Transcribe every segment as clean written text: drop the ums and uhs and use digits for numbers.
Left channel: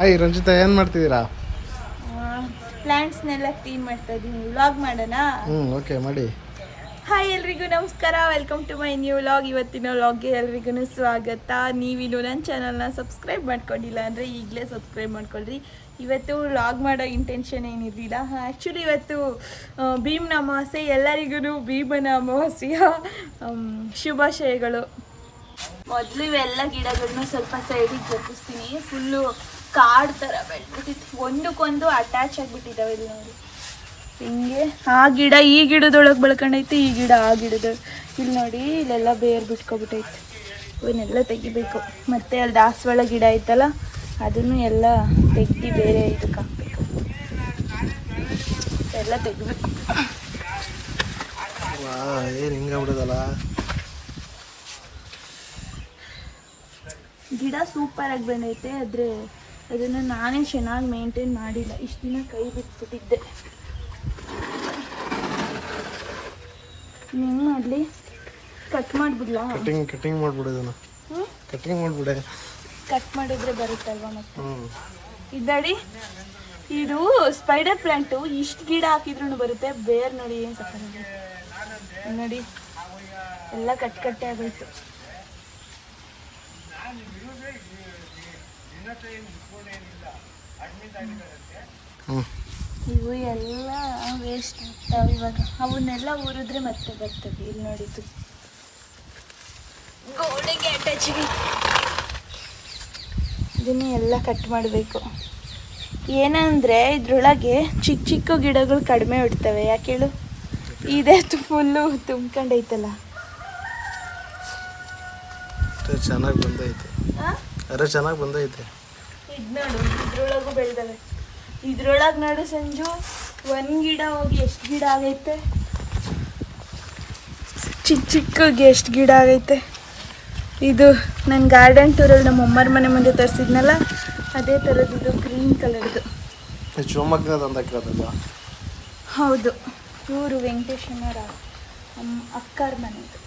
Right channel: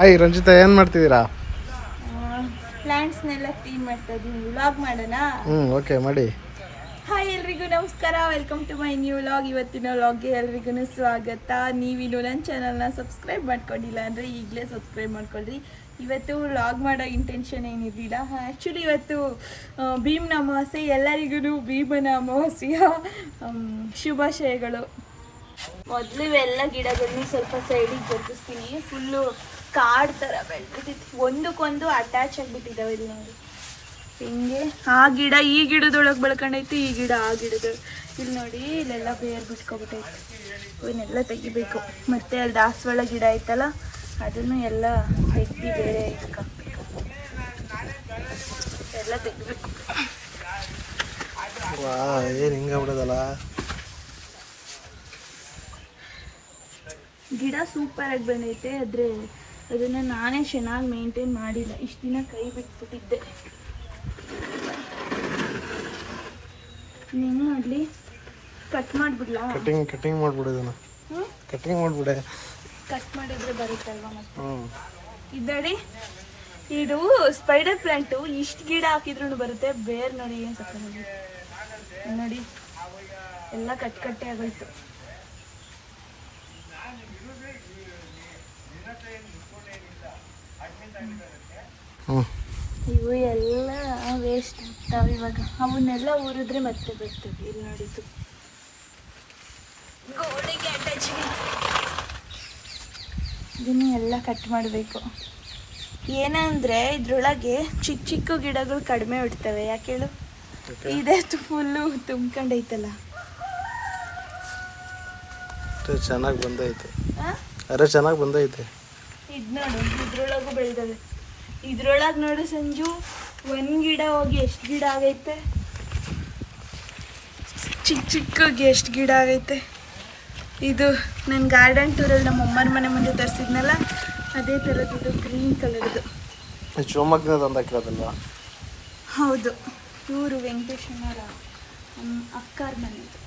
Hi Ranjita, ಏನು ಮಾಡ್ತಿದ್ದೀರಾ? ಪ್ಲಾಂಟ್ಸ್ನೆಲ್ಲ clean ಮಾಡ್ತಾ ಇದ್ದೀನಿ. ವ್ಲಾಗ್ ಮಾಡೋಣ? ಓಕೆ ಮಾಡಿ. ಹಾಯ್ ಎಲ್ರಿಗೂ ನಮಸ್ಕಾರ, welcome to my new vlog. ಇವತ್ತಿನ ವ್ಲಾಗ್ಗೆ ಎಲ್ರಿಗೂ ಸ್ವಾಗತ. ನೀವಿನ್ನು ನನ್ನ ಚಾನಲ್ನ ಸಬ್ಸ್ಕ್ರೈಬ್ ಮಾಡ್ಕೊಂಡಿಲ್ಲ ಅಂದರೆ ಈಗಲೇ ಸಬ್ಸ್ಕ್ರೈಬ್ ಮಾಡ್ಕೊಳ್ರಿ. ಇವತ್ತು ವ್ಲಾಗ್ ಮಾಡೋ ಇಂಟೆನ್ಷನ್ ಏನಿರಲಿಲ್ಲ. ಆ್ಯಕ್ಚುಲಿ ಇವತ್ತು ಭೀಮನ ಅಮಾವಾಸ್ಯೆ. ಎಲ್ಲರಿಗೂ ಭೀಮನ ಅಮಾವಾಸ್ಯೆಯ ಶುಭಾಶಯಗಳು. ಮೊದಲು ಇವೆಲ್ಲ ಗಿಡಗಳನ್ನೂ ಸ್ವಲ್ಪ ಸೈಡಿಗೆ ಜರುಗಿಸ್ತೀನಿ. ಫುಲ್ಲು ಕಾಡು ಥರ ಬೆಳೆದ್ಬಿಟ್ಟಿತ್ತು, ಒಂದಕ್ಕೊಂದು ಅಟ್ಯಾಚ್ ಆಗಿಬಿಟ್ಟಿದ್ದಾವೆ. ಇಲ್ಲಿ ನೋಡಿ ಹಿಂಗೆ ಆ ಗಿಡ ಈ ಗಿಡದೊಳಗೆ ಬೆಳ್ಕೊಂಡೈತೆ, ಈ ಗಿಡ ಆ ಗಿಡದೊಳಗೆ. ಇಲ್ಲಿ ನೋಡಿ ಇಲ್ಲೆಲ್ಲ ಬೇರು ಬಿಟ್ಕೊಬಿಟ್ಟೈತೆ. ಇವನ್ನೆಲ್ಲ ತೆಗಿಬೇಕು. ಮತ್ತು ಅಲ್ಲಿ ದಾಸವಾಳ ಗಿಡ ಐತಲ್ಲ, ಅದನ್ನು ಎಲ್ಲ ತೆಗ್ದು ಬೇರೆ ಇದಕ್ಕೆ ಹಾಕ್ಬೇಕು. ಎಲ್ಲ ತೆಗಿಬೇಕು. ಏನು ಹಿಂಗಾಗ್ಬಿಡೋದಲ್ಲ. ಗಿಡ ಸೂಪರಾಗಿ ಬಂದೈತೆ, ಆದರೆ ಅದನ್ನು ನಾನೇ ಚೆನ್ನಾಗಿ ಮೇಂಟೈನ್ ಮಾಡಿಲ್ಲ. ಇಷ್ಟು ದಿನ ಕೈ ಬಿಟ್ಬಿಟ್ಟಿದ್ದೆ. ಹೆಂಗೆ ಮಾಡಲಿ? ಕಟ್ ಮಾಡಿಬಿಡ್ಲಾ? ಕಟಿಂಗ್ ಮಾಡಿಬಿಡು. ಇದನ್ನು ಕಟಿಂಗ್ ಮಾಡಿಬಿಡೆ. ಕಟ್ ಮಾಡಿದ್ರೆ ಬರುತ್ತಲ್ವ ಮತ್ತೆ. ಇದ್ದಾಡಿ, ಇದು ಸ್ಪೈಡರ್ ಪ್ಲಾಂಟು. ಇಷ್ಟು ಗಿಡ ಹಾಕಿದ್ರೂ ಬರುತ್ತೆ. ಬೇರೆ ನೋಡಿ ಏನು ಸಕ್ಕತ್ತಾಗಿ ನೋಡಿ, ಎಲ್ಲ ಕಟ್ಟೆ ಆಗೋಯ್ತು. ಇವು ಎಲ್ಲ ವೇಸ್ಟ್ ಆಗ್ತಾವೆ. ಇವಾಗ ಅವನ್ನೆಲ್ಲ ಊರಿದ್ರೆ ಮತ್ತೆ ಬರ್ತವೆ. ಇಲ್ಲಿ ನೋಡಿದ್ದು ಗೋಡೆಗೆ ಅಟ್ಯಾಚಿಗೆ ಇದನ್ನು ಎಲ್ಲ ಕಟ್ ಮಾಡಬೇಕು. ಏನಂದರೆ ಇದ್ರೊಳಗೆ ಚಿಕ್ಕ ಚಿಕ್ಕ ಗಿಡಗಳು ಕಡಿಮೆ ಬಿಡ್ತವೆ. ಯಾಕೆ ಹೇಳು? ಇದೇ ಫುಲ್ಲು ತುಂಬ್ಕೊಂಡೈತಲ್ಲ. ಚೆನ್ನಾಗಿ ಬಂದೈತೆ. ಅರೆ ಚೆನ್ನಾಗಿ ಬಂದೈತೆ. ಇದು ನೋಡಿ, ಇದ್ರೊಳಗೂ ಬೆಳೆದವೆ. ಇದ್ರೊಳಗೆ ನೋಡು ಸಂಜು, ಒಂದು ಗಿಡ ಹೋಗಿ ಎಷ್ಟು ಗಿಡ ಆಗೈತೆ. ಚಿಕ್ಕಗೆ ಎಷ್ಟು ಗಿಡ ಆಗೈತೆ. ಇದು ನನ್ನ ಗಾರ್ಡನ್ ಟೂರಲ್ಲಿ ನಮ್ಮ ಅಮ್ಮರ ಮನೆ ಮುಂದೆ ತರಿಸಿದ್ನಲ್ಲ, ಅದೇ ಥರದ್ದು. ಇದು ಗ್ರೀನ್ ಕಲರ್ದು ಶಿವಮೊಗ್ಗದ ತಂದಾಕಿರೋದಲ್ವಾ? ಹೌದು, ಇವರು ವೆಂಕಟೇಶ್ವರ ನಮ್ಮ ಅಕ್ಕಾರ ಮನೆದು.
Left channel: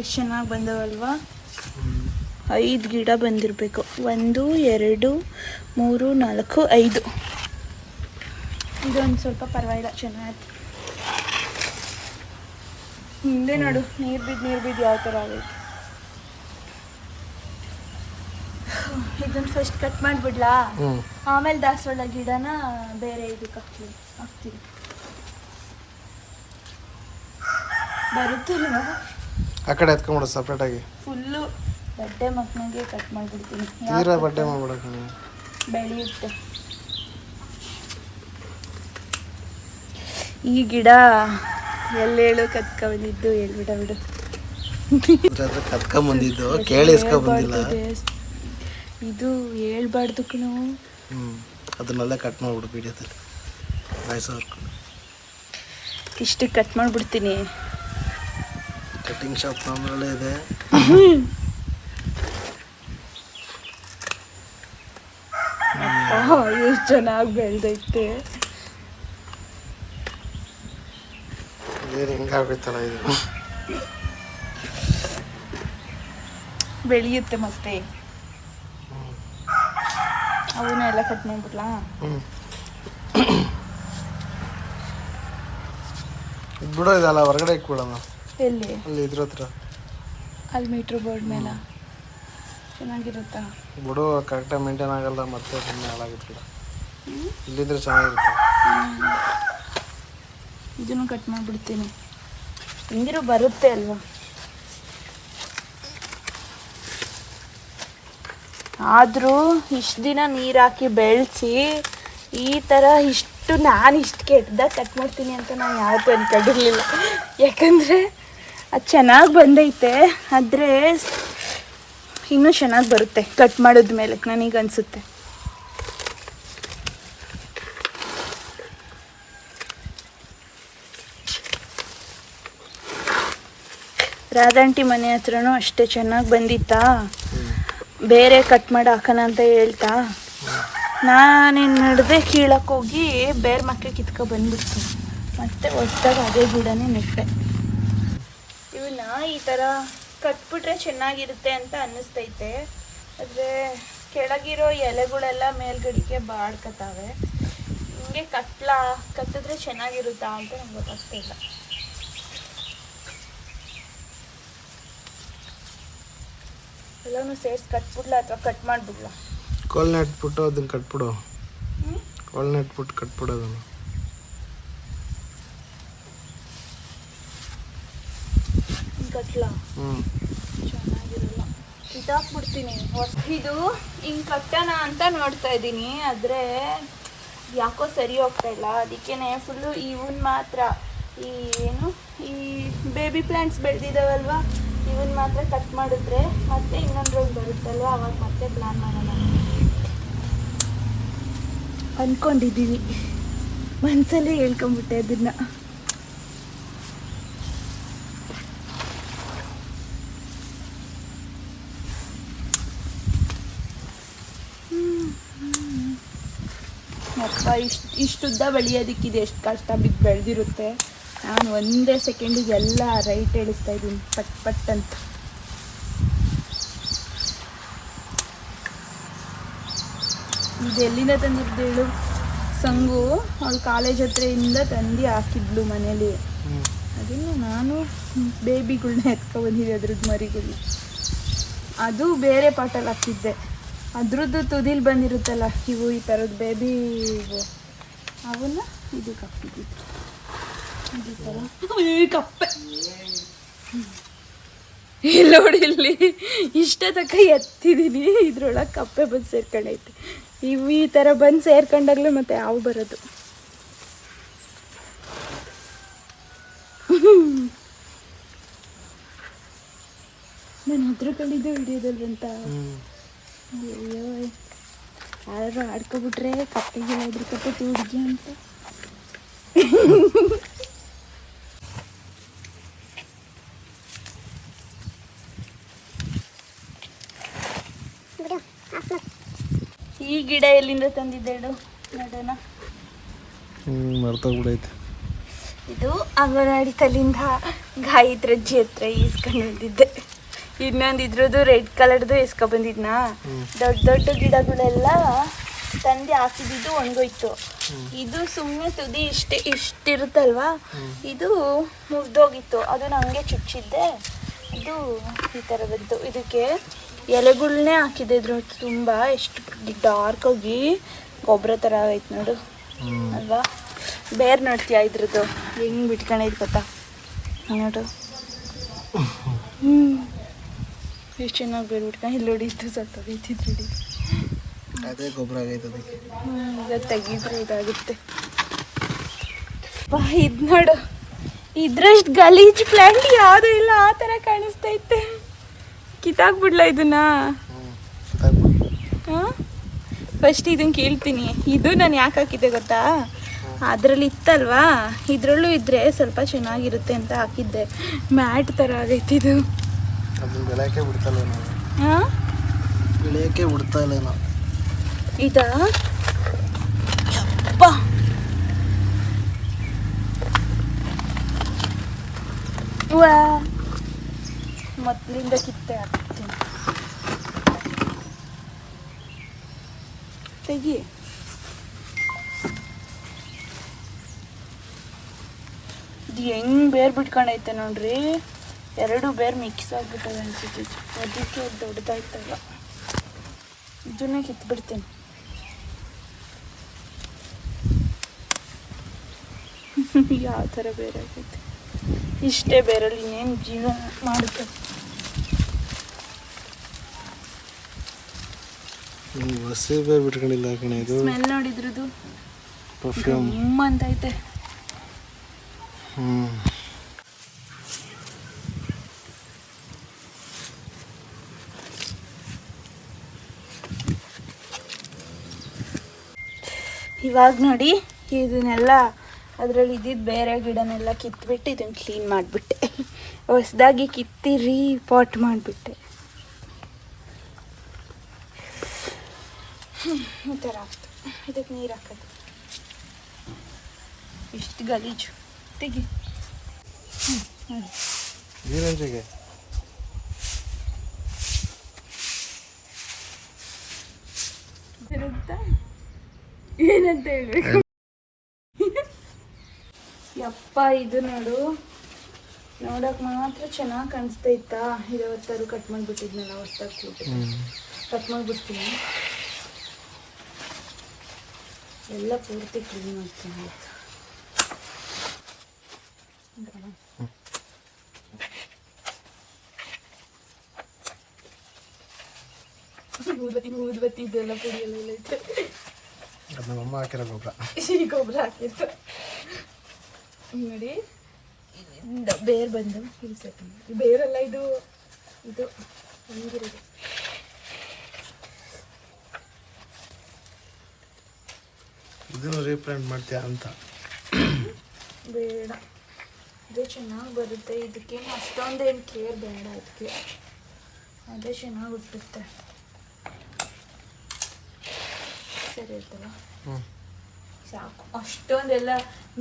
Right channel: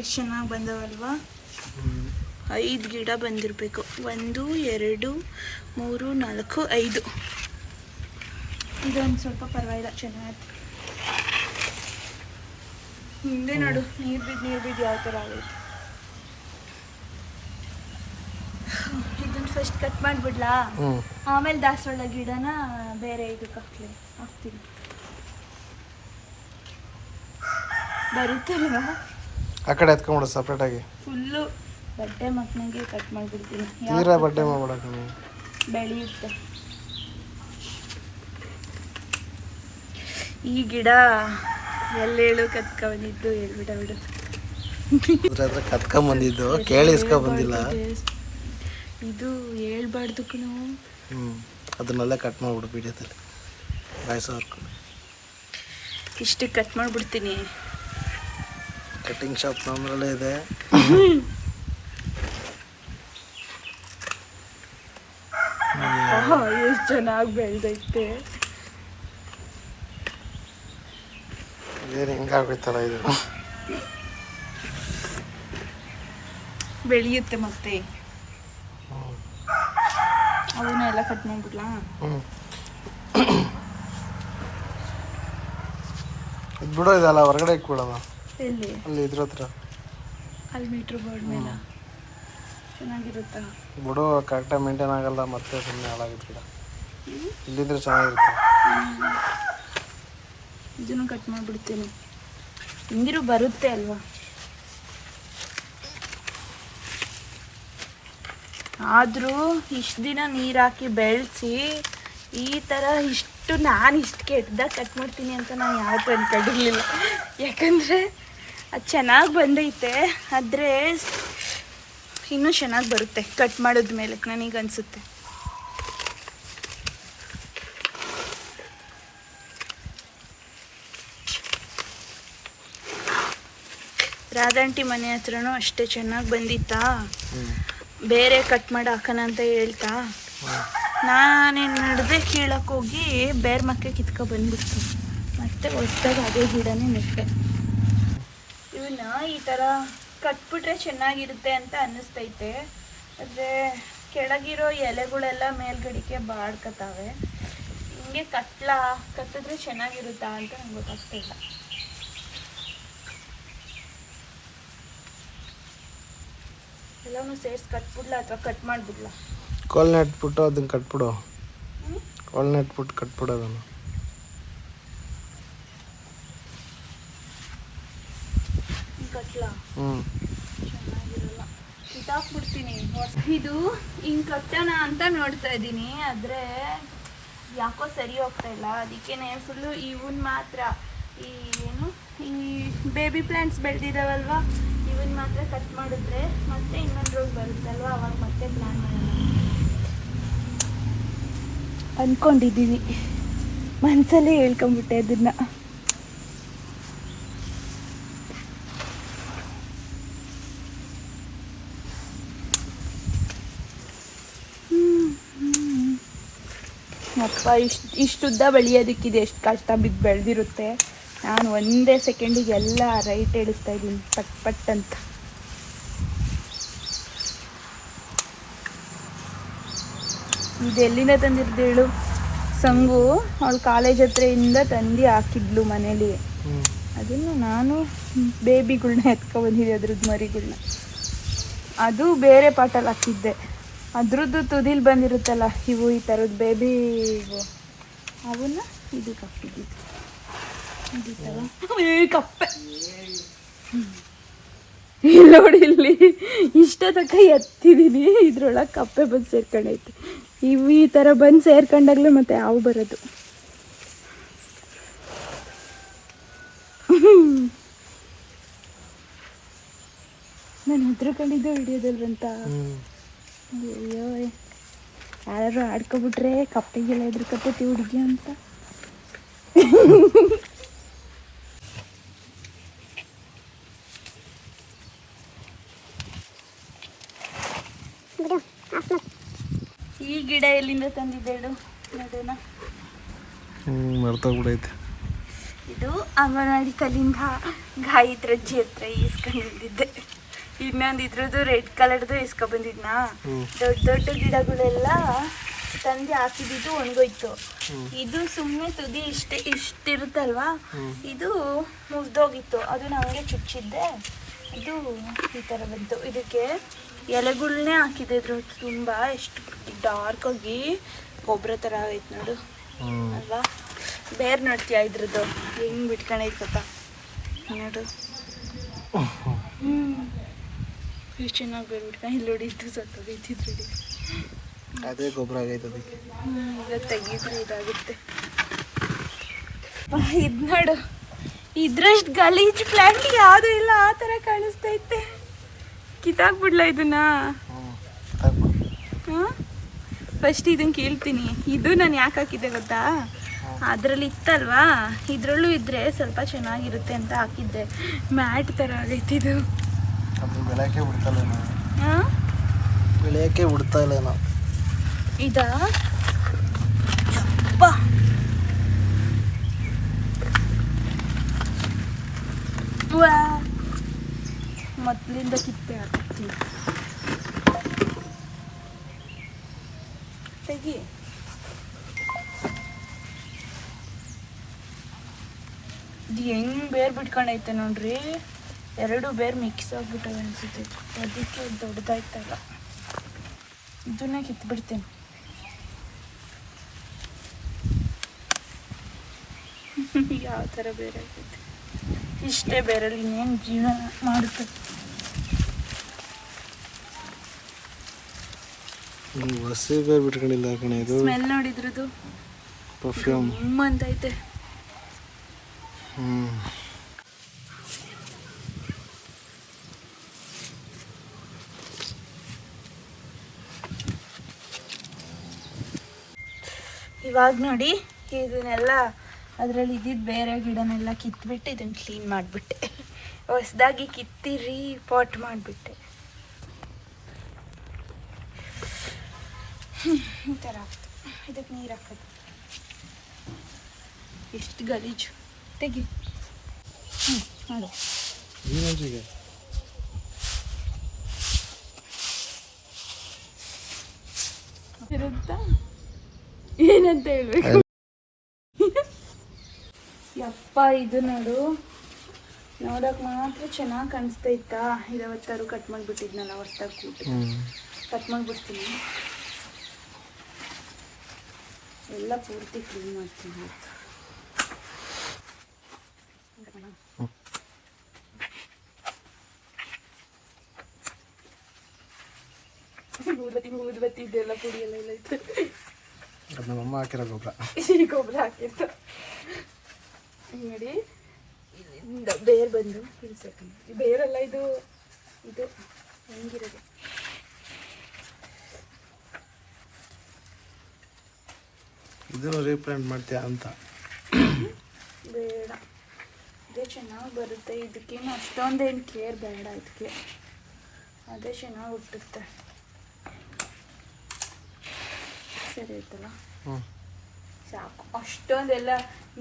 ಎಷ್ಟು ಚೆನ್ನಾಗಿ ಬಂದವಲ್ವಾ? 5 ಗಿಡ ಬಂದಿರಬೇಕು. 1 2 3 4 5. ಇದೊಂದು ಸ್ವಲ್ಪ ಪರವಾಗಿಲ್ಲ, ಚೆನ್ನಾಗಿ. ಹಿಂದೆ ನೋಡು, ನೀರು ಬಿದ್ದು ಯಾವ ಥರ ಆಗೈತೆ. ಇದನ್ನು ಫಸ್ಟ್ ಕಟ್ ಮಾಡಿಬಿಡ್ಲಾ? ಆಮೇಲೆ ದಾಸವಾಳ ಗಿಡನ ಬೇರೆ ಇದಕ್ಕೆ ಹಾಕ್ತೀನಿ. ಬರುತ್ತಲ್ವ? ಆ ಕಡೆ ಎತ್ಕೊಂಬಿಡು ಸಪ್ರೇಟಾಗಿ. ಫುಲ್ಲು ಬಡ್ಡೆ ಮಕ್ಕಳಿಗೆ ಕಟ್ ಮಾಡಿಬಿಡ್ತೀನಿ. ತೀರಾ ಬಡ್ಡೆ ಮಾಡ್ಬಿಡ ಕಣೆ, ಬೆಳೆಯುತ್ತೆ. ಈ ಗಿಡ ಎಲ್ಲೇಳು ಕತ್ಕೊಂಡಿದ್ದು ಹೇಳ್ಬಿಡು. ಕತ್ಕೊಂಬಂದಿದ್ದು ಕೇಳಿ ಇಸ್ಕೊಂಬಂದಿಲ್ಲ. ಇದು ಹೇಳ್ಬಾರ್ದು ಕಣೋ. ಅದನ್ನೆಲ್ಲ ಕಟ್ ಮಾಡ್ಬಿಡು ವಿಡಿಯೋದಲ್ಲಿ ವಾಯ್ಸ್ ಹೊರ್ಕೊಂಡು. ಇಷ್ಟು ಕಟ್ ಮಾಡಿಬಿಡ್ತೀನಿ. ಕಟಿಂಗ್ ಶಾಪ್ ನಮ್ಮರಲ್ಲೇ ಇದೆ. ಎಷ್ಟು ಚೆನ್ನಾಗಿ ಬೆಳೆದೈತೆ. ಏನು ಹಿಂಗಾಗೋಯ್ತಲ್ಲ ಇದು. ಬೆಳೆಯುತ್ತೆ ಮತ್ತೆ. ಅವನ್ನೆಲ್ಲ ಕಟ್ ಮಾಡ್ಬಿಡ್ಲಾ? ಇದು ಬಿಡೋ, ಇದಲ್ಲ ಹೊರಗಡೆ ಇಕ್ಬಿಡೋಣ. ಎಲ್ಲಿ? ಅಲ್ಲಿ ಇದ್ರ ಹತ್ರ, ಅಲ್ಲಿ ಮೀಟ್ರ್ ಬೋರ್ಡ್ ಮೇಲೆ ಚೆನ್ನಾಗಿರುತ್ತಾ? ಬಿಡು, ಕರೆಕ್ಟಾಗಿ ಮೇಂಟೈನ್ ಆಗಲ್ಲ, ಮತ್ತೆ ಸುಮ್ಮನೆ ಹಾಳಾಗುತ್ತೆ ಗಿಡ. ಇಲ್ಲಿದ್ರೆ ಚೆನ್ನಾಗಿರುತ್ತೆ. ಇದನ್ನು ಕಟ್ ಮಾಡಿಬಿಡ್ತೀನಿ. ಹಿಂಗಿರು ಬರುತ್ತೆ ಅಲ್ವಾ? ಆದರೂ ಇಷ್ಟು ದಿನ ನೀರು ಹಾಕಿ ಬೆಳೆಸಿ ಈ ಥರ ನಾನು ಇಷ್ಟು ಕೆಟ್ಟದಾಗ ಕಟ್ ಮಾಡ್ತೀನಿ ಅಂತ ನಾನು ಯಾವತ್ತೂ ಅಂದ್ಕೊಂಡಿರಲಿಲ್ಲ. ಯಾಕಂದರೆ ಅದು ಚೆನ್ನಾಗಿ ಬಂದೈತೆ, ಆದರೆ ಇನ್ನೂ ಚೆನ್ನಾಗಿ ಬರುತ್ತೆ ಕಟ್ ಮಾಡಿದ್ಮೇಲೆ ನನಗೆ ಅನಿಸುತ್ತೆ. ರಾಧಾಂಟಿ ಮನೆ ಹತ್ರನೂ ಅಷ್ಟೇ ಚೆನ್ನಾಗಿ ಬಂದಿತ್ತಾ. ಬೇರೆ ಕಟ್ ಮಾಡಿ ಹಾಕೋಣ ಅಂತ ಹೇಳ್ತಾ ನಾನೇನು ಮಾಡಿದೆ, ಕೀಳಕ್ಕೆ ಹೋಗಿ ಬೇರೆ ಮಕ್ಕೆ ಕಿತ್ಕೊ ಬಂದ್ಬಿಡ್ತೀನಿ. ಮತ್ತೆ ಹೊಸ್ದಾಗಿ ಅದೇ ಗಿಡನೇ ನೆಟ್ಟೆ. ಇವನ್ನ ಈ ಥರ ಕಟ್ಬಿಟ್ರೆ ಚೆನ್ನಾಗಿರುತ್ತೆ ಅಂತ ಅನ್ನಿಸ್ತೈತೆ. ಆದರೆ ಕೆಳಗಿರೋ ಎಲೆಗಳೆಲ್ಲ ಮೇಲ್ಗಡೆಗೆ ಬಾಡ್ಕತಾವೆ. ಹಿಂಗೆ ಕಟ್ಟಿದ್ರೆ ಚೆನ್ನಾಗಿರುತ್ತಾ ಅಂತ ನಂಗೆ ಗೊತ್ತಾಗ್ತಾ ಇಲ್ಲ. ಎಲ್ಲನೂ ಸೇರಿಸಿ ಕಟ್ಬಿಡ್ಲಾ ಅಥವಾ ಕಟ್ ಮಾಡಿಬಿಡ್ಲಾ? ಕೋಲ್ ನೆಟ್ಬಿಟ್ಟು ಅದನ್ನ ಕಟ್ಬಿಡು. ಕೋಲ್ ನೆಟ್ಬಿಟ್ಟು ಕಟ್ಬಿಡು ಅದನ್ನು. ಕಟ್ಲಾ? ಚೆನ್ನಾಗಿರಲ್ಲ, ಕಿತ್ತಾಕ್ಬಿಡ್ತೀನಿ. ಇದು ಹಿಂಗೆ ಕಟ್ಟೋಣ ಅಂತ ನೋಡ್ತಾ ಇದ್ದೀನಿ, ಆದರೆ ಯಾಕೋ ಸರಿ ಹೋಗ್ತಾ ಇಲ್ಲ. ಅದಕ್ಕೇನೆ ಫುಲ್ಲು ಇವನ್ ಮಾತ್ರ ಈ ಬೇಬಿ ಪ್ಲಾಂಟ್ಸ್ ಬೆಳೆದಿದ್ದಾವಲ್ವ, ಇವನ್ ಮಾತ್ರ ಕಟ್ ಮಾಡಿದ್ರೆ ಮತ್ತೆ ಇನ್ನೊಂದು ರೋಗ ಬರುತ್ತಲ್ವ, ಅವಾಗ ಮತ್ತೆ ಪ್ಲಾನ್ ಮಾಡೋಣ ಅಂದ್ಕೊಂಡಿದ್ದೀವಿ. ಮನಸ್ಸಲ್ಲೇ ಹೇಳ್ಕೊಂಬಿಟ್ಟೆ ಅದನ್ನ. ಅಪ್ಪ ಇಷ್ಟುದ್ದ ಬೆಳೆಯೋದಕ್ಕಿದೆ ಎಷ್ಟು ಕಷ್ಟ ಬಿದ್ದು ಬೆಳೆದಿರುತ್ತೆ. ನಾನು ಒಂದೇ ಸೆಕೆಂಡಿಗೆ ಎಲ್ಲ ರೈಟ್ ಹೇಳಿಸ್ತಾ ಇದ್ದೀನಿ, ಪಟ್ ಪಟ್ ಅಂತ. ಇದೆಲ್ಲಿಂದ ತಂದಿದ್ದೇಳು? ಸಂಗು ಅವಳು ಕಾಲೇಜ್ ಹತ್ರದಿಂದ ತಂದು ಹಾಕಿದ್ಲು ಮನೇಲಿ. ಅದನ್ನು ನಾನು ಬೇಬಿಗಳ್ನ ಎತ್ಕೊಬಂದಿದ್ದೆ, ಅದ್ರದ್ದು ಮರಿಗಳ್ನ. ಅದು ಬೇರೆ ಪಾಟಲ್ಲಿ ಹಾಕಿದ್ದೆ. ಅದ್ರದ್ದು ತುದಿಲ್ ಬಂದಿರುತ್ತಲ್ಲ ಇವು, ಈ ಥರದ್ದು ಬೇಬಿ ಇವು, ಅವನ್ನ ಇದಕ್ಕೆ ಹಾಕಿದ್ದಿದ್ದು. ಈ ಥರ ಕಪ್ಪೆ ಇಲ್ಲಿ ನೋಡಿ, ಇಲ್ಲಿ ಇಷ್ಟ ತನಕ ಎತ್ತಿದ್ದೀನಿ, ಇದ್ರೊಳಗೆ ಕಪ್ಪೆ ಬಂದು ಸೇರ್ಕೊಂಡೈತೆ. ಇವು ಈ ಥರ ಬಂದು ಸೇರ್ಕೊಂಡಾಗಲೂ ಮತ್ತೆ ಹಾವು ಬರೋದು. ನಾನು ಹೆದ್ರುಕೊಂಡಿದ್ದೆ ವಿಡಿಯೋದಲ್ವಂತ. ಅಯ್ಯೋ, ಯಾರು ಆಡ್ಕೊಬಿಟ್ರೆ ಕಪ್ಪೆಗೆಲ್ಲ ಹೆದ್ರುಕಪ್ಪತಿ ಹುಡುಗಿ ಅಂತ. ಈ ಗಿಡ ಎಲ್ಲಿಂದ ತಂದಿದ್ದೇಳು ನೋಡೋಣ. ಮರ್ತೋಗ್ಬಿಡೈತೆ. ಇದು ಅಂಗನವಾಡಿ ತಲ್ಲಿಂದ ಗಾಯತ್ರಜ್ಜಿ ಹತ್ರ ಈಸ್ಕೊಂಡಿದ್ದೆ. ಇನ್ನೊಂದು ಇದ್ರದ್ದು ರೆಡ್ ಕಲರ್ದು ಇಸ್ಕೊಬಂದಿದ್ನಾ. ದೊಡ್ಡ ದೊಡ್ಡ ಗಿಡಗಳೆಲ್ಲ ತಂದು ಹಾಕಿದ್ದು ಒಣಗೋಯ್ತು. ಇದು ಸುಮ್ಮನೆ ತುದಿ ಇಷ್ಟಿರುತ್ತಲ್ವಾ, ಇದು ಮುಗ್ದೋಗಿತ್ತು. ಅದು ನನಗೆ ಚುಚ್ಚಿದ್ದೆ, ಅದು ಈ ಥರ ಬಂತು. ಇದಕ್ಕೆ ಎಲೆಗಳ್ನೇ ಹಾಕಿದೆ. ಇದ್ರ ತುಂಬ ಎಷ್ಟು ಡಾರ್ಕ್ ಆಗಿ ಗೊಬ್ಬರ ಥರ ಆಗೈತೆ ನೋಡು ಅಲ್ವಾ. ಬೇರೆ ನೋಡ್ತೀಯ ಇದ್ರದ್ದು ಹೆಂಗೆ ಬಿಟ್ಕೊಂಡೈತೆ ಗೊತ್ತಾ ನೋಡು. ಎಷ್ಟು ಚೆನ್ನಾಗಿ ಬೇರೆ ಬಿಟ್ಕೊಂಡು ಇಲ್ಲಿ ನೋಡಿ. ಇದ್ದು ಸ್ವಲ್ಪ ಬೇಯ್ತಿದ್ರು, ಅದೇ ಗೊಬ್ಬರ ಆಗೈತೆ ಅದಕ್ಕೆ. ತೆಗೀದ್ರೆ ಇದಾಗುತ್ತೆ. ಇದು ನೋಡು, ಇದ್ರಷ್ಟು ಗಲೀಜ್ ಪ್ಲಾಂಟ್ ಯಾವುದೂ ಇಲ್ಲ, ಆ ಥರ ಕಾಣಿಸ್ತೈತೆ. ಕಿತ್ತಾಕ್ಬಿಡ್ಲ ಇದನ್ನ? ಫಸ್ಟ್ ಇದನ್ನ ಕೇಳ್ತೀನಿ. ಇದು ನಾನು ಯಾಕೆ ಹಾಕಿದ್ದೆ ಗೊತ್ತಾ, ಅದರಲ್ಲಿ ಇತ್ತಲ್ವಾ, ಇದರಲ್ಲೂ ಇದ್ರೆ ಸ್ವಲ್ಪ ಚೆನ್ನಾಗಿರುತ್ತೆ ಅಂತ ಹಾಕಿದ್ದೆ. ಮ್ಯಾಟ್ ಥರ ಆಗೈತಿದು. ಅದು ಬೆಳೆಯೋಕ್ಕೆ ಬಿಡ್ತಲ್ಲ ನಾವು. ಬೆಳೆಯೋಕ್ಕೆ ಬಿಡ್ತಾ ಇಲ್ಲ ನಾವು. ಇದಾ ಮೊದಲಿಂದ ಕಿತ್ತೆ ಹಾಕ್ತೀನಿ. ತೆಗಿ. ಇದು ಹೆಂಗ್ ಬೇರ್ ಬಿಟ್ಕೊಂಡೈತೆ ನೋಡ್ರಿ. ಎರಡು ಬೇರ್ ಮಿಕ್ಸ್ ಆಗ್ಬಿಟ್ಟವೆ ಅನ್ಸುತ್ತೆ. ಅದಕ್ಕೆ ದೊಡ್ಡದಾಯ್ತಲ್ಲ, ಇದನ್ನೇ ಕಿತ್ಬಿಡ್ತೀನಿ. ಯಾವ ಥರ ಬೇರೆ ಆಗೈತೆ. ಇಷ್ಟೇ ಬೇರಲ್ಲಿ ಇನ್ನೇನು ಜೀವನ ಮಾಡುತ್ತೆ. ಹಸಿ ಬೇರೆ ಬಿಟ್ಕೊಂಡಿಲ್ಲ ಕಣೆ. ಇದು ಸ್ಮೆಲ್ ನೋಡಿದ್ರದು ಪರ್ಫ್ಯೂಮ್ ಅಂತೈತೆ. ಇವಾಗ ನೋಡಿ, ಇದನ್ನೆಲ್ಲ ಅದರಲ್ಲಿ ಇದ್ದಿದ್ದು ಬೇರೆ ಗಿಡನೆಲ್ಲ ಕಿತ್ಬಿಟ್ಟು ಇದನ್ನು ಕ್ಲೀನ್ ಮಾಡಿಬಿಟ್ಟೆ. ಹೊಸದಾಗಿ ಕಿತ್ತಿ ಪಾಟ್ ಮಾಡಿಬಿಟ್ಟೆ. ಈ ಥರ ಆಗ್ತದೆ. ಇದಕ್ಕೆ ನೀರು ಹಾಕೋದು. ಇಷ್ಟು ಗಲೀಜು. ತೆಗಿ. ಮಾಡು. ನೀರಂಜಿಗೆ ಇರುತ್ತಾ ಏನಂತ ಹೇಳ್ಬೇಕು. ಯಪ್ಪ ಇದು ನೋಡಕ್ ಮಾತ್ರ ಚೆನ್ನಾಗಿ ಕಾಣಿಸ್ತೈತಾ. ಇದಾವತ್ತಾರು ಕಟ್ ಮಾಡಿಬಿಟ್ಟಿದ್ನಲ್ಲ ಹೊಸ್ದಾಗಿ ಕೂಟ ಕಟ್ ಮಾಡಿಬಿಡ್ತೀನಿ. ಎಲ್ಲ ಪೂರ್ತಿ ಕ್ಲೀನ್ ಮಾಡ್ತೀನಿ. ಊದ್ಬತ್ತಿ ಇದೆಲ್ಲ ಪುಡಿ ಎಲ್ಲ ಐತೆ. ಅದು ನಮ್ಮಮ್ಮ ಹಾಕಿರೋ ಗೊಬ್ಬರ. ಈ ಗೊಬ್ಬರ ಹಾಕಿತ್ತು ನೋಡಿ. ಬೇರೆ ಬಂದು ಇಳಿಸಕ್ಕೆ ಬೇರೆಲ್ಲ ಇದು ಹೆಂಗಿರೋದು. ಇದನ್ನು ರೀಪ್ಲಾಂಟ್ ಮಾಡ್ತೀಯಾ ಅಂತ. ಬೇಡ, ಅದೇ ಚೆನ್ನಾಗಿ ಬರುತ್ತೆ. ಇದಕ್ಕೇನು ಅಷ್ಟೊಂದೇನು ಕೇರ್ ಬೇಡ. ಇದಕ್ಕೆ ಅದೇ ಚೆನ್ನಾಗಿ ಹುಟ್ಟುತ್ತೆ. ಸರಿ ಆಯ್ತಲ್ಲ, ಸಾಕು. ಅಷ್ಟೊಂದೆಲ್ಲ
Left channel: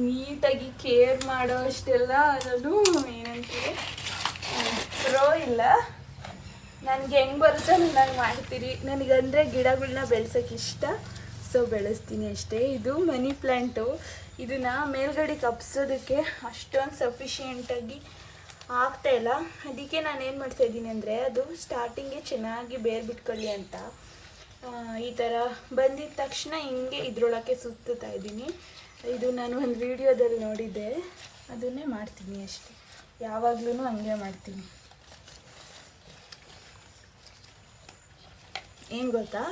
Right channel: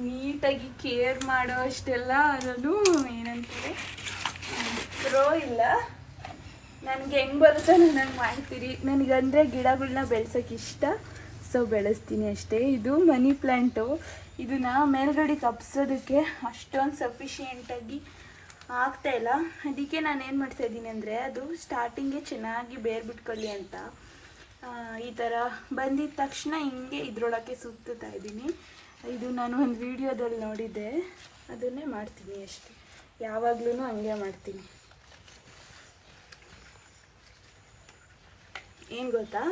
ನೀಟಾಗಿ ಕೇರ್ ಮಾಡೋ ಅಷ್ಟೆಲ್ಲ ನಾನು ಏನಂತೀರಿ ಪ್ರೋ ಇಲ್ಲ. ನನಗೆ ಹೆಂಗೆ ಬರುತ್ತೆ ನಾನು ಮಾಡ್ತೀರಿ. ನನಗಂದರೆ ಗಿಡಗಳನ್ನ ಬೆಳೆಸೋಕೆ ಇಷ್ಟ, ಸೊ ಬೆಳೆಸ್ತೀನಿ ಅಷ್ಟೇ. ಇದು ಮನಿ ಪ್ಲ್ಯಾಂಟು. ಇದನ್ನ ಮೇಲ್ಗಡೆ ಕಪ್ಸೋದಕ್ಕೆ ಅಷ್ಟೊಂದು ಸಫಿಷಿಯೆಂಟಾಗಿ ಆಗ್ತಾಯಿಲ್ಲ. ಅದಕ್ಕೆ ನಾನು ಏನು ಮಾಡ್ತಾಯಿದ್ದೀನಿ ಅಂದರೆ, ಅದು ಸ್ಟಾರ್ಟಿಂಗೇ ಚೆನ್ನಾಗಿ ಬೇರು ಬಿಟ್ಕೊಳ್ಳಿ ಅಂತ ಈ ಥರ ಬಂದಿದ್ದ ತಕ್ಷಣ ಹಿಂಗೆ ಇದ್ರೊಳಗೆ ಸುತ್ತಾ ಇದ್ದೀನಿ. ಇದು ನಾನು ಒಂದು ವಿಡಿಯೋದಲ್ಲಿ ನೋಡಿದ್ದೆ, ಅದನ್ನೇ ಮಾಡ್ತೀನಿ ಅಷ್ಟೇ. ಯಾವಾಗಲೂ ಹಂಗೆ ಮಾಡ್ತೀನಿ. ಏನು ಗೊತ್ತಾ,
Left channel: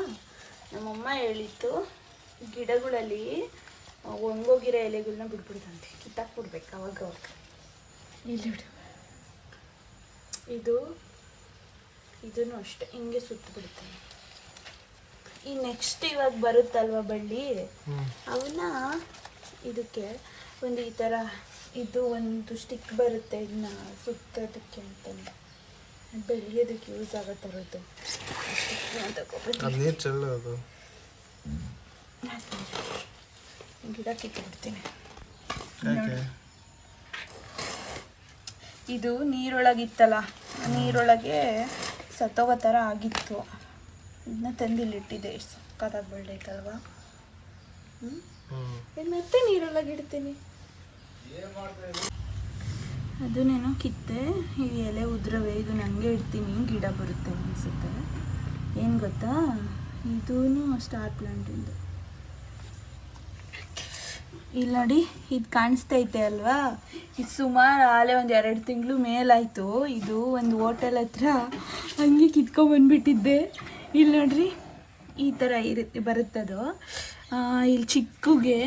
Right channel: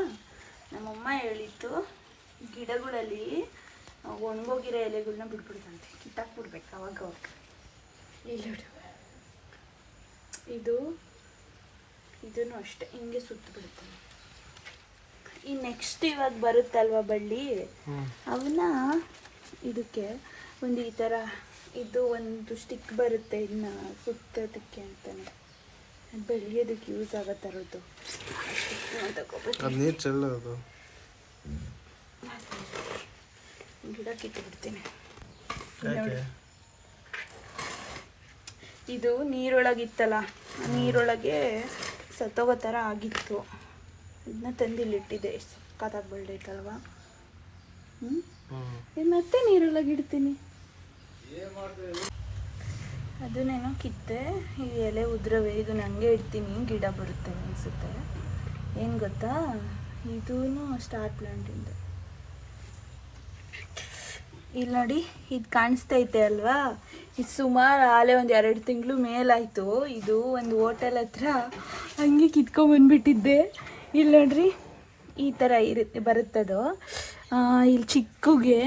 ನಮ್ಮಮ್ಮ ಹೇಳಿತ್ತು, ಗಿಡಗಳಲ್ಲಿ ಒಣಗೋಗಿರೋ ಎಲೆಗಳನ್ನ ಬಿಡ್ಬಿಡ್ತಂತೆ, ಕಿತ್ತಾಕ್ಬಿಡ್ಬೇಕು ಅವಾಗ ಅವಾಗ. ಇಲ್ಲಿ ಇದನ್ನು ಅಷ್ಟೇ ಹಿಂಗೆ ಸುತ್ತಬಿಡ್ತಾನೆ. ಈ ನೆಕ್ಸ್ಟ್ ಇವಾಗ ಬರುತ್ತಲ್ವ ಬಳ್ಳಿ, ಅವನ್ನ ಇದಕ್ಕೆ ಒಂದು ಈ ಥರ ಇದು ಒಂದು ಸ್ಟಿಕ್ ಬರುತ್ತೆ, ಇದನ್ನ ಸುತ್ತೋದಕ್ಕೆ ಅಂತಾನೆ, ಬೆಳೆಯೋದಕ್ಕೆ ಯೂಸ್ ಆಗೋ ಥರದ್ದು ನೀರು ಚೆಲ್ಲೋದು. ಗಿಡ ಕಿತ್ತುಬಿಡ್ತೀನಿ. ಇದು ನೀರೊಳಗಿತ್ತಲ್ಲ, ನೀರೊಳಗೆ ಸತ್ತೋಗೋ ಥರ ಆಗಿತ್ತು. ಇದನ್ನ ತಂದಿಲ್ಲಿಟ್ಟಿದ್ದೆ. ಎಷ್ಟು ಸಕ್ಕತ್ತಾಗಿ ಬೆಳೆದೈತಲ್ವ. ಇದು ಮತ್ತೆ ನೀರೊಳಗೆ ಇಡ್ತೀನಿ. ಅದನ್ನೇನೋ ಕಿತ್ತೆ, ಈ ಎಲೆ ಉದ್ರವೆ, ಇದು ನನಗೆ ಇಡ್ತೀನಿ, ಗಿಡ ಬರುತ್ತೆ ಅನಿಸುತ್ತೆ. ಏನು ಗೊತ್ತಾ, ಇದೂ ಸ್ಟಾರ್ ಪ್ಲಾಂಟಿಂದು. ಇಲ್ಲಿ ನೋಡಿ, ಇದು ಕಾಣಿಸ್ತೈತೆ ಅಲ್ವಾ, ಇದು ಸುಮಾರು ಆಲೆ ಒಂದು 2 ತಿಂಗಳು ಮೇಲಾಯಿತು. ಇದು ಒಂದು ಹೋಟೆಲ್ ಹತ್ರ ಹಂಗೆ ಕಿತ್ಕೊಂಡ್ಬಂದ್ಬಿಟ್ಟಿದ್ದೆ. ಇಲ್ಲಿ ನೋಡ್ರಿ, ಈ ಥರ ಬರುತ್ತದು. ಇಲ್ಲಿ ಚಿಕ್ಕಗೆ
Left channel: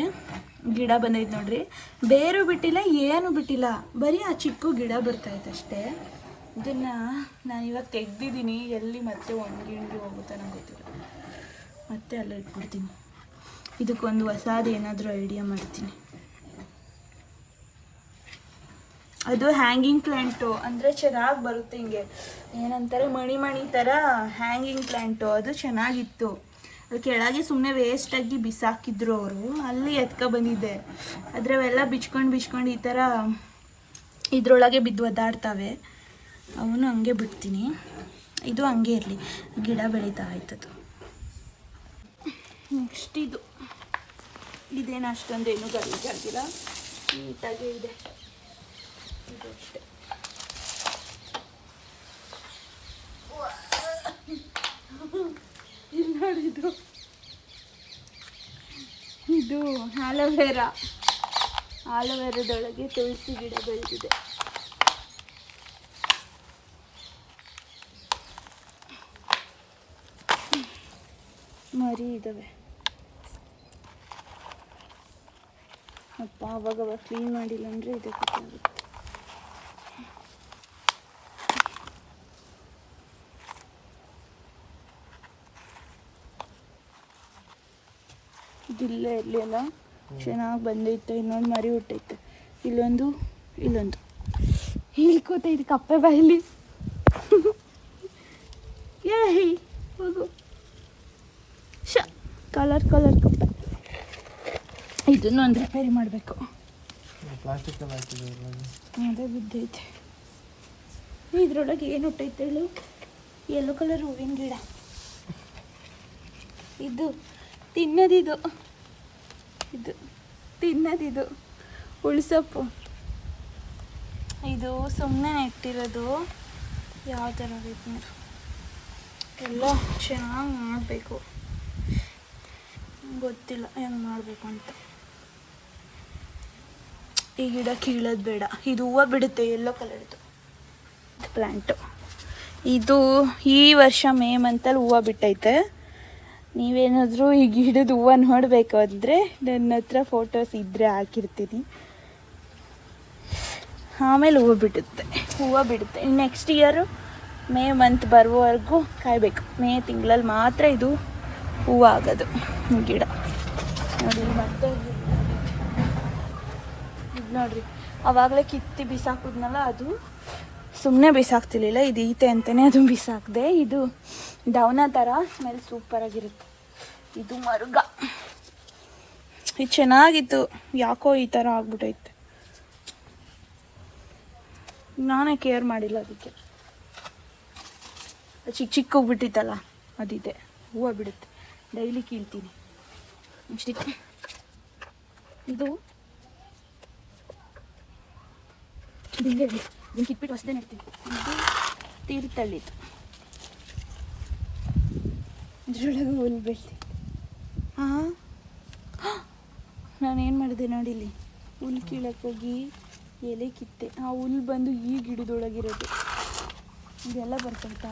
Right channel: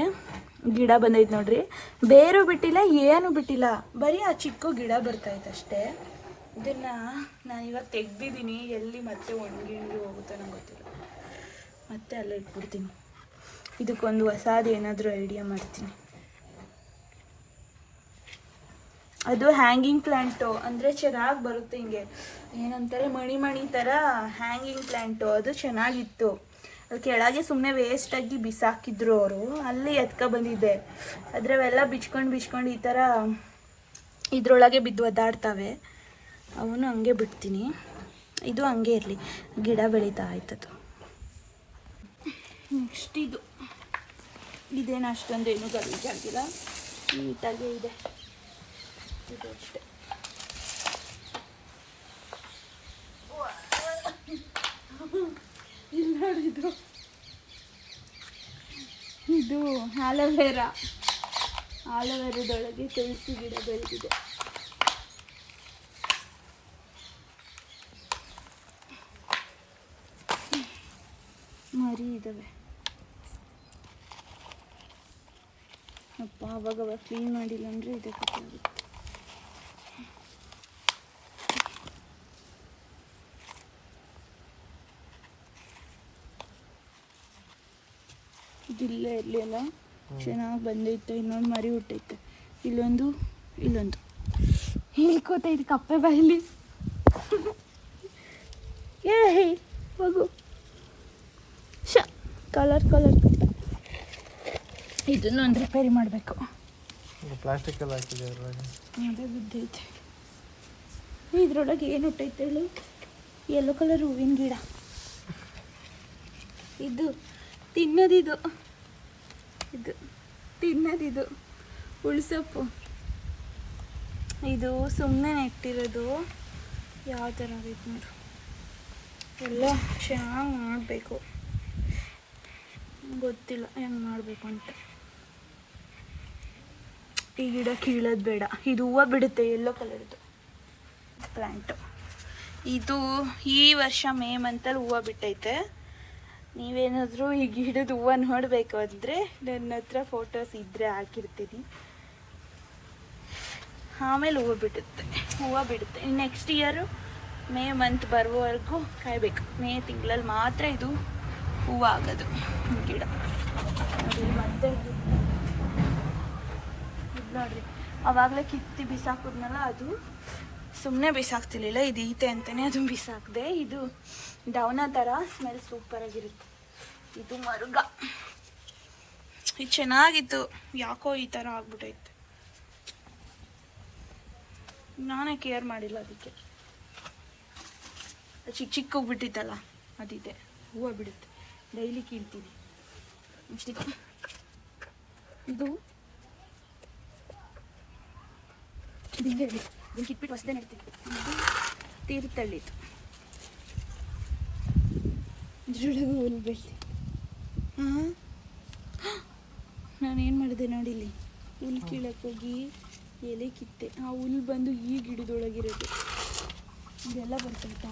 ಗಿಡ ಬಂದೈತೆ ನೋಡ್ರಿ. ಬೇರು ಬಿಟ್ಟಿಲ್ಲ, ಏನು ಬಿಟ್ಟಿಲ್ಲ, ಬರೀ ಆ ಚಿಕ್ಕ ಗಿಡ ಬರ್ತೈತೆ ಅಷ್ಟೇ. ಇದನ್ನು ನಾನು ಇವಾಗ ತೆಗ್ದಿದ್ದೀನಿ. ಎಲ್ಲಿ ಮತ್ತೆ ಒಣಗಿಂಡು ಹೋಗುತ್ತೆ ನಂಗೆ ಗೊತ್ತಿಲ್ಲ. ಮತ್ತೆ ಅಲ್ಲೇ ಇಟ್ಬಿಡ್ತೀನಿ. ಇದಕ್ಕೊಂದು ಹೊಸದು ಏನಾದರೂ ಐಡಿಯಾ ಮಾಡ್ತೀನಿ. ಅದು ಹ್ಯಾಂಗಿಂಗ್ ಪ್ಲ್ಯಾಂಟು, ಅಂದರೆ ಚೆನ್ನಾಗಿ ಬರುತ್ತೆ. ಹಿಂಗೆ ಏನಂತಾರೆ, ಮಣಿ ಥರ ಹ್ಯಾಂಗಿಂಗ್ ಪ್ಲ್ಯಾಂಟು. ಅದು ಚೆನ್ನಾಗಿತ್ತು. ಅದು ಕೆಳಗೆ ಸುಮ್ಮನೆ ವೇಸ್ಟಾಗಿ ಬಿಸಾಕಿದ್ರು ಅವರು. ಅಲ್ಲಿ ಬಂದಿದ್ದೆ. ಅದರವೆಲ್ಲ ಬಿಚ್ಕೊಂಡು ಈ ಥರ ಇದರೊಳಗೆ ಬಿದ್ದು ಒದ್ದಾಡ್ತವೆ. ಅವನು ಹಂಗೆ ಬಿಡ್ತೀನಿ. ಇದು ಹಂಗೆ ಇರಲಿ, ಗಿಡ ಬೆಳೀತಾ ಆಯ್ತದು. ನೆಕ್ಸ್ಟ್ ಇದೇನು ಅಷ್ಟೊಂದೇನು ಗಲೀಜಾಗಿಲ್ಲ, ನೀಟಾಗೇ ಇದೆ. ಇದು ಅಷ್ಟೇ. ಇಲ್ಲಿ ನೋಡಿ, ಇದು ಆಲೋವೆರಾದೊಳಗೆ ತುಳಸಿ ಗಿಡ ಬೆಳೆದಿದೆ. ಮರಿ ಇದ್ದಾವೆ. ಅಪ್ಪ ಅವಾಗ ಕ್ಲೀನ್ ಮಾಡಿಲ್ಲ ಅಂದರೆ ಇದೆ ಗೊತ್ತಾಗುತ್ತೆ. ಇದಿಲ್ಲೇ ಇರಲಿ ಅಲ್ಲ, ಚೆನ್ನಾಗಿ ಬಂದೈತೆ. ಇನ್ನೊಂದು ಮರಿ ಹುಟ್ಟೈತೆ. ಇಲ್ಲೊಂದು ಇಳ್ಕೋತೈತೆ ಕಪ್ಪೆ ಬಾಯಿಲಿ. ಹೋಗು. ಕಲರ್ ಕಪ್ಪೆ. ಇದನ್ನು ಒಂದು ರಿಪೇರಿ ಮಾಡಬೇಕು. ಪ್ಲಾಸ್ಟಿಕ್ ಎಲ್ಲ ಹಾಕಿದೆ ಅದ್ರಾಗೆ. ಅದೇ ಬಿದ್ದೈತೆ. ಇದ್ರೊಳಗೆ ಏನು ಹುಟ್ಟೈತೆ ಹೇಳು? ಯೆಲ್ಲೋ ಕಲರ್ ಹೂವಿನ ಗಿಡ. ಇದು ತಿನ್ನೋದಿದು, ಇದು ತಿನ್ನೋದಿದು ಉಳ್ಸಪ್ಪು. ಇದು ಸುಮ್ಮನೆ ನೆಟ್ಟಿರೋದು. ಯಾವ ಥರ ಆಗೈತೆ ನೋಡು. ಎಲ್ಲ ಚೆನ್ನಾಗಿ ಮಾಡಬೇಕು. ಗೊತ್ತಿಲ್ಲ ಹೆಂಗೆ ಮಾಡಬೇಕು ಅಂತ. ಈ ಗಿಡ ಕೀಳೋದು ಬೇಡ. ಇದು ಹೂವು ಬಿಡುತ್ತೆ, ಯೆಲ್ಲೋ ಕಲರ್ದು ಪ್ಲ್ಯಾಂಟು. ಇದು ಈ ವರ್ಷ ಮೇ ಮಂತಲ್ಲಿ ಹೂವು ಬಿಟ್ಟೈತೆ. ನೀವೇನಾದರೂ ಈ ಗಿಡದ ಹೂವು ನೋಡಬೇಕು ಅಂದರೆ ನನ್ನ ಹತ್ರ ಫೋಟೋಸ್ ಇದ್ದರೆ ಹಾಕಿರ್ತೀನಿ. ಆಮೇಲೆ ಹೂವು ಬಿಡುತ್ತೆ. ನೆಕ್ಸ್ಟ್ ಇಯರು ಮೇ ಮಂತ್ ಬರುವವರೆಗೂ ಕಾಯಬೇಕು. ಮೇ ತಿಂಗಳಲ್ಲಿ ಮಾತ್ರ ಇದು ಹೂವು ಆಗೋದು ಗಿಡ. ನೋಡಿ ಮತ್ತೆ ಇದು ನೋಡ್ರಿ, ಆವಾಗಲೇ ಕಿತ್ತಿ ಬಿಸಾಕಿದ್ನಲ್ಲ, ಅದು ಸುಮ್ಮನೆ ಬಿಸಾಕ್ತಿರ್ಲಿಲ್ಲ. ಇದು ಈತೆ ಅಂತಲೇ ಅದು ಬಿಸಾಕಿದೆ. ಇದು ಡೌನ ಥರ ಸ್ಮೆಲ್ ಸೂಪರಾಗಿರುತ್ತೆ. ಇದು ಮರುಗ. ಇದು ಚೆನ್ನಾಗಿತ್ತು, ಯಾಕೋ ಈ ಥರ ಆಗ್ಬಿಟ್ಟೈತೆ. ನಾನೇ ಕೇರ್ ಮಾಡಿಲ್ಲ ಅದಕ್ಕೆ. ಚಿಕ್ಕ ಹೋಗ್ಬಿಟ್ಟಿತ್ತಲ್ಲ, ಅದಿದೆ. ಹೂವು ಬಿಡುತ್ತೆ. ಡೈಲಿ ಕೀಳ್ತೀನಿ ಇಷ್ಟಿತ್ತು. ಇದು ಹಿಂಗೆ ಇದನ್ನು ಕಿತ್ಬಿಟ್ಟು ಹೊಸದೇ ನೆಡ್ತೀನಿ. ಇದು ತೀರ್ಥಳ್ಳಿದು. ಇದ್ರೊಳಗೆ ಹುಲ್ಲು ಬೆಳ್ತಿ. ಹಾಂ, ನಾನೇನು ಮಾಡಿದೆ ನೋಡಿಲ್ಲಿ, ಹುಲ್ಲು ಕೀಳಕ್ಕೋಗಿ ಎಲೆ ಕಿತ್ತೆ. ಆ ಹುಲ್ಲು ಬಂದು ಈ ಗಿಡದೊಳಗಿರೋದು. ಇದೆಲ್ಲ ಬರ್ತೈತಾ?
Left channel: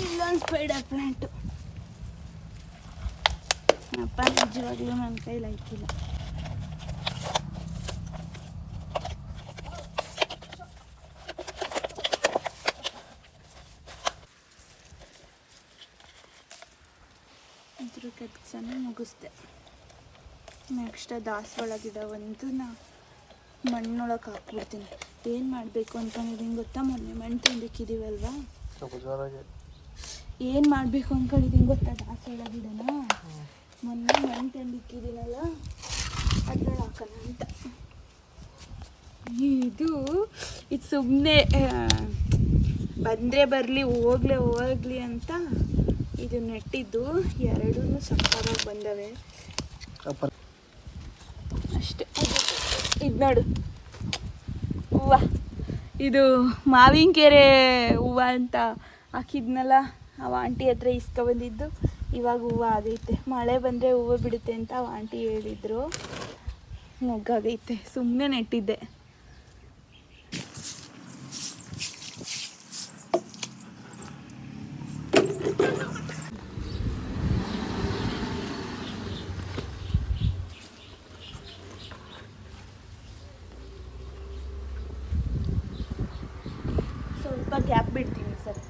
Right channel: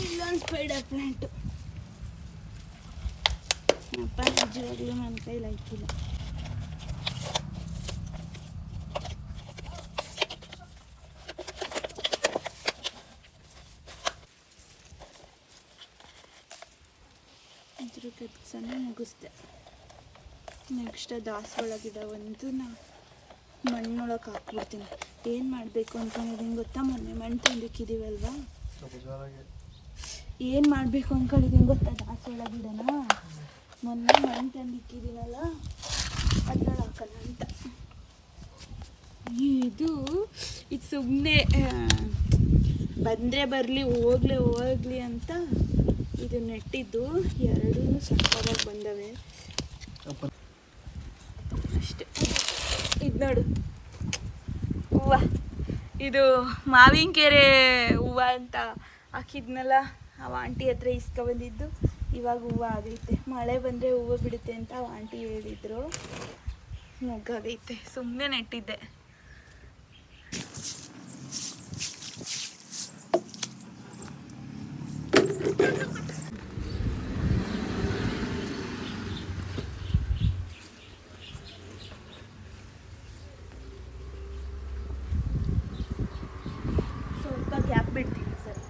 ಇಲ್ಲೊಂದು ಸ್ಪೈಡರ್ ಪ್ಲ್ಯಾಂಟು. ಅಪ್ಪ ನಿಜವಾಗ್ಲೂ ನನ್ನ ಕೈಲಿ ಹಾಕಿಲ್ಲ. ಇದ್ರ ಕೆಲಸನ ಮುಗಿಸ್ದೆ. ನೆಕ್ಸ್ಟ್ ದಾಸವಾಳ ಗಿಡ ಒಂದು ಮಣ್ಣೊಳಗೆ ಹಾಕ್ಬಿಡ್ತೀನಿ. ಏನು ಮಾಡಬೇಕು ಅಂದ್ಕೊಂಡಿದ್ದೀನಿ ಗೊತ್ತಾ? ಮೊನ್ನೆ ಮಣ್ಣು ತಂದಿಕ್ಕಿದ್ದೀವಲ್ವಾ, ಏನು ಮಾಡಬೇಕು ಅಂದ್ಕೊಂಡಿದ್ದೀನಿ ಗೊತ್ತಾ? ದಾಸವಾಳ ಗಿಡನ ಮೊನ್ನೆ ಮಣ್ಣು ತಂದಿಕ್ಕಿದ್ದೀನಲ್ಲ, ಅದ್ರಲ್ಲಿ ಹಾಕೋಣ ಅಂತ. ಇದು ಸುಮ್ಮನೆ ಬಂದರೆ ಬರಲಿ ಹೋಗ್ಲಿ ಅಂತ ಇದು ನೆಟ್ಟಿದ್ದು. ಎರಡೂ ಸಕ್ಕತ್ತಾಗಿ ಬಂದವೆ ಅಷ್ಟೇ. ಇದು ನೋಡು ಹೂವು. ಇದು ಮಾವಿನ ಕೆರೆ ಹೂವು ಅಂತ ಹಾಕಿದ್ನಲ್ಲ, ಅವ ಆಂಟಿ ಹತ್ರ ಇಸ್ಕೊಬಂದಿದ್ದು. ಇವಾಗ ಹೂವು ಆಗೈತೆ. ಮಳೆ ಬಂದರೆ ಹೂವು ಬಿಡುತ್ತೆ ಅಂತ ಅವ ಆಂಟಿ ಹೇಳಿದರು. ಮೊಗ್ಗಾಗೈತೆ. ಸುಮ್ಮನೆ ನೆಟ್ಟಿದ್ದೆ. ಸ್ವಲ್ಪ ಗ್ಯಾಪ್ ಬಿಡ್ತೀನಿ ಸರಿ.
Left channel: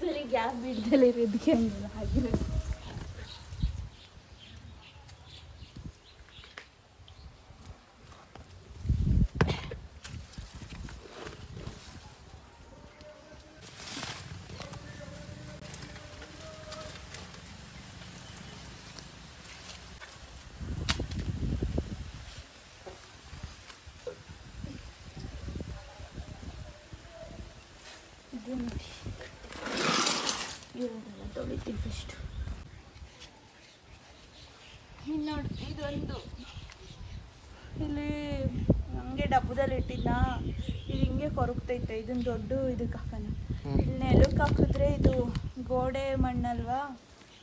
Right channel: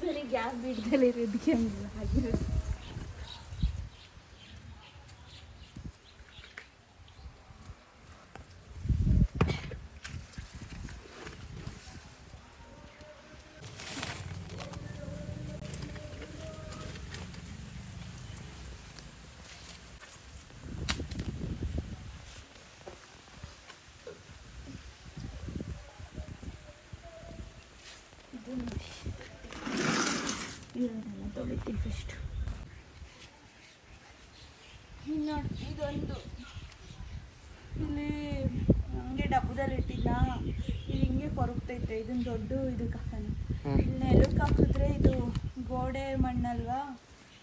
ಸರಿ ಗ್ಯಾಪ್ ಬಿಡ್ದಲ್ಲೇ ಇರೋದಕ್ಕೆ ಹಂಗಿಲ್ಲ ಆಗಿರೋದು. ಇದು ನೋಡಿ, ಇದನ್ನೆಲ್ಲ ತೊಳಿತೀನಿ ಫಸ್ಟು. ಇನ್ನು ನೋಡಿ, ಇದೊಂದು ಇಲ್ಲಿ ಹಂಗೆ ಡಬ್ಬದಲ್ಲಿ ಇಟ್ಟಿದ್ದ. ಇದು ಹಿಂಗೆ ಕೊರಗ್ತೈತೆ. ಇದನ್ನ ದೊಡ್ಡ ಇದಕ್ಕೆ ಹಾಕೋಣ. ಇಲ್ಲಿ ನೆಲಕ್ಕೆ ಹಾಕಿದ್ರೆ ಇದು ಗೋಡೆ ಮಣ್ಣಲ್ವಾ,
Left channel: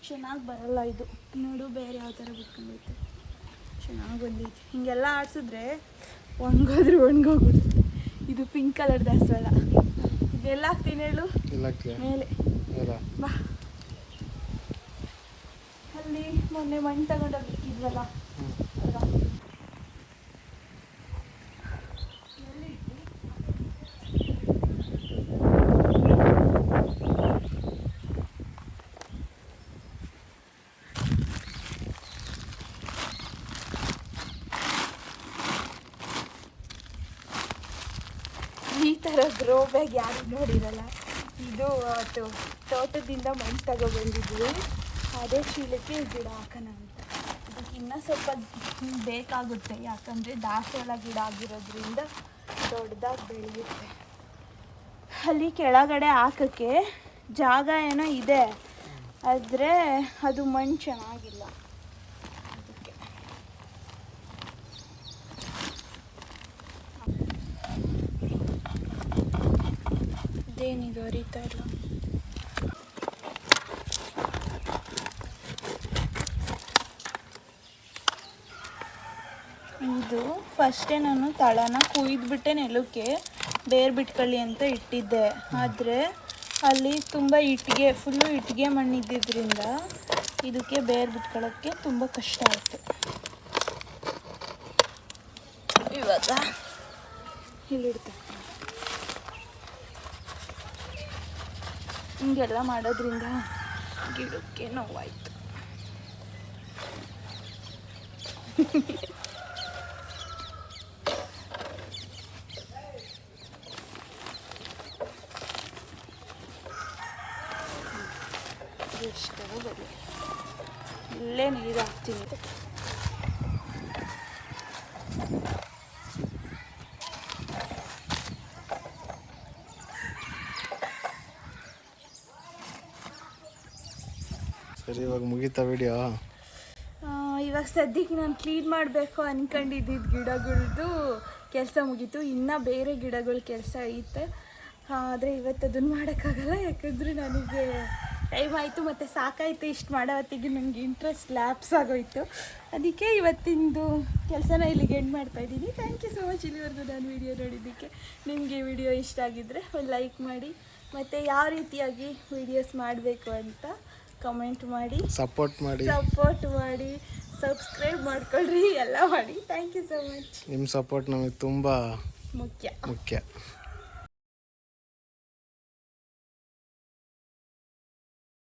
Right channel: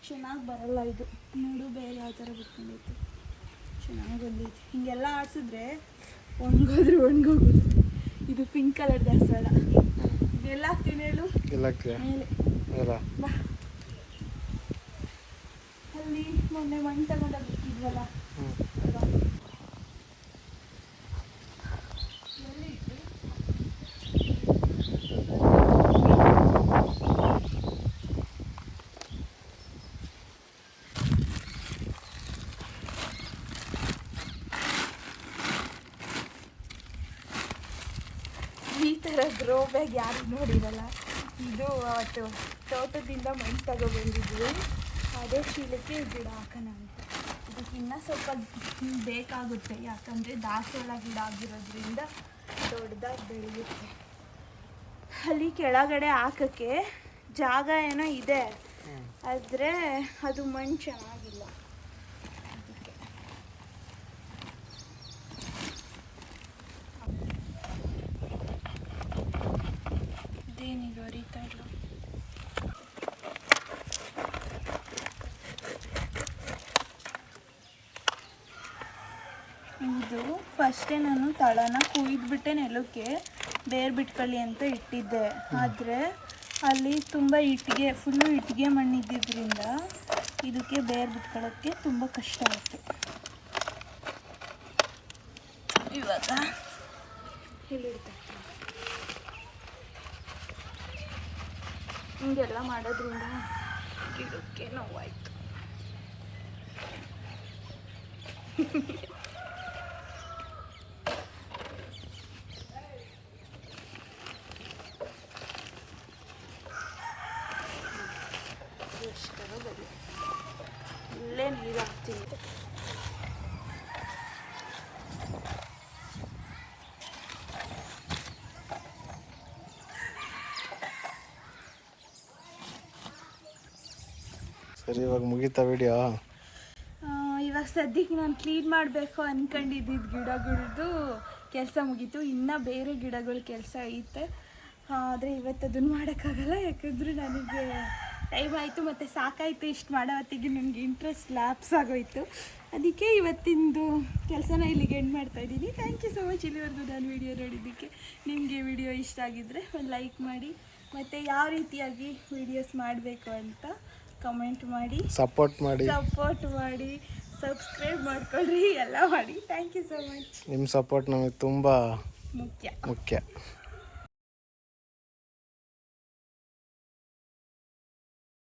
ಚೆನ್ನಾಗಿ ಬರಲ್ಲ. ಇದು ನೋಡು ಬೇರೆ ಯಾವ ಥರ ಬಿಟ್ಕೊಂಡೈತೆ. ಚೆನ್ನಾಗಿ ಬಂದೈತೆ. ಹಿಂಗೆಲ್ಲ ಆಡಿಸಿದ್ರೆ ಒಣಗೋಗುತ್ತೆ. ಇದು ಪಿಂಕ್ ಕಲರ್ ದಾಸವಾಳ. ಇದೆಲ್ಲ ಹಾಕ್ತೀನಿ ಹೇಳು ಮೇಲೆ. ಬಾ, ಅಲ್ಲಿ ಮೊನ್ನೆ ಮಣ್ಣು ತಗೊಂಡೋಗಿ ಬಿಟ್ಟಿದ್ವಲ್ಲ, ಈ ಥರ ಗ್ರೋ ಬ್ಯಾಗ್ ಯಾರು ನೋಡಿರಲ್ಲ. ಇದು ಅವತ್ತು ತೋಟದಿಂದ ಮಣ್ಣು ತಗೊಬಂದಿದ್ವಿ. ಅದೇ ಚೀಲಕ್ಕೆ ಈ ಗಿಡ ಹಾಕೋಣ ಅಂತ. ಇದಕ್ಕೆ ಇನ್ನೂ ಸ್ವಲ್ಪ ಬೇಕಾಗುತ್ತೆ, ಯಾಕಂದರೆ ದಾಸವಾಳ ಗಿಡ ಆಗಿರೋದ್ರಿಂದ ದೊಡ್ಡದಾಗಿ ಬೆಳೆಯುತ್ತೆ. ಅಲ್ಲಿ ಕೆಳಗಡೆ ಹಾಕೋಕ್ಕೆ ಜಾಗ ಏನೋ ಇದೆ, ಆದರೆ ಅದು ಮಣ್ಣು ಚೆನ್ನಾಗಿಲ್ಲ. ಅದಕ್ಕೆ ಇದೇನಿದು ಹರಿತಾ ಇಲ್ಲ. ಇದು ಫಸ್ಟೇ ನಾನು ತಳನ ಕುಯ್ದುಬಿಟ್ಟೆ ನೆಲಕ್ಕೆ ಬೇರು ಬಿಟ್ಕೊಳ್ಳಿ ಅಂತ ಇಟ್ಟಿದ್ದೆ. ಆದರೆ ಅಲ್ಲಿ ತುಂಬ ಇಟ್ಟಿಗೆ, ಫುಲ್ಲು ಇಟ್ಟಿಗೆ ಮಣ್ಣಿದ್ದಿದ್ದರಿಂದ ಇದಕ್ಕೆ ಬೇರು ಬಿಟ್ಕೊಳ್ಳೋಕ್ಕೆ ತುಂಬ ಕಷ್ಟ ಆಯಿತು. ಇವಾಗ ಇಲ್ಲಿಡ್ತೀನಿ. ಹಿಂಗೆಲ್ಲ ಮಾಡೋದ್ರಿಂದ ಗಿಡಕ್ಕೆ ನೋವಾಯಿತು. ಇಲ್ಲೇ ನೀರು ಹಾಕ್ತೀನಿ. ಸರಿ, ಇವಾಗ ಮುಗೀತಾ ವಿಡಿಯೋ? ಇವಾಗ ಸದ್ಯಕ್ಕೆ ನಾನು ಕ್ಲೀನ್ ಮಾಡಬೇಕು ಅಂದ್ಕೊಂಡಿದ್ದಿದ್ದು ಗಿಡಗಳದ್ದು ಕೆಲಸ ಮುಗೀತು. ಇನ್ನೂ ಬೇರೆ ಗಿಡಗಳ ಕೆಲಸ ಐತೆ, ಆದರೆ ಇವತ್ತು ಅದನ್ನು ಮಾಡೋಕ್ಕಾಗಲ್ಲ. ಯಾಕಂದರೆ ನನಗೆ ಟೈಮ್ ಆಯಿತು ಮತ್ತು ಸಾಕಾಯಿತು. ಇಷ್ಟು ಮಾಡೋ ಹೊತ್ತಿಗೆ ನನಗೆ ಇಂಟ್ರೆಸ್ಟ್ ಲ್ಯಾಪ್ಸ್ ಆಗೋಯಿತು. ಅದಕ್ಕೆ ಇವತ್ತಿಂದು ಕೆಲಸನ ಇಲ್ಲಿಗೆ ಎಂಡ್ ಮಾಡ್ತಾಯಿದ್ದೀನಿ. ಥ್ಯಾಂಕ್ ಯು ಸೊ ಮಚ್ ಇಲ್ಲಿವರೆಗೂ ನಾನು ವಿಡಿಯೋ ನೋಡಿದ್ದಕ್ಕೆ. ನಿಮಗೆ ವಿಡಿಯೋ ಇಷ್ಟ ಆಗಿದ್ದರೆ ಒಂದು ಲೈಕ್ ಮಾಡಿ, ಮತ್ತು ಯಾವ ರೀತಿಯಾಗಿ ವೀಡಿಯೋಸ್ ಮಾಡಬೇಕು ಅಂತ ಕಮೆಂಟ್ ಮಾಡಿ, ಸಪೋರ್ಟ್ ಮಾಡಿ, ಸಬ್ಸ್ಕ್ರೈಬ್ ಮಾಡ್ಕೊಳ್ರಿ, ಎಲ್ಲ ಮಾಡಿ. Thank you so much. ನಿಮ್ಮ ಸಪೋರ್ಟ್ ನಮಗೆ ತುಂಬ ಮುಖ್ಯ.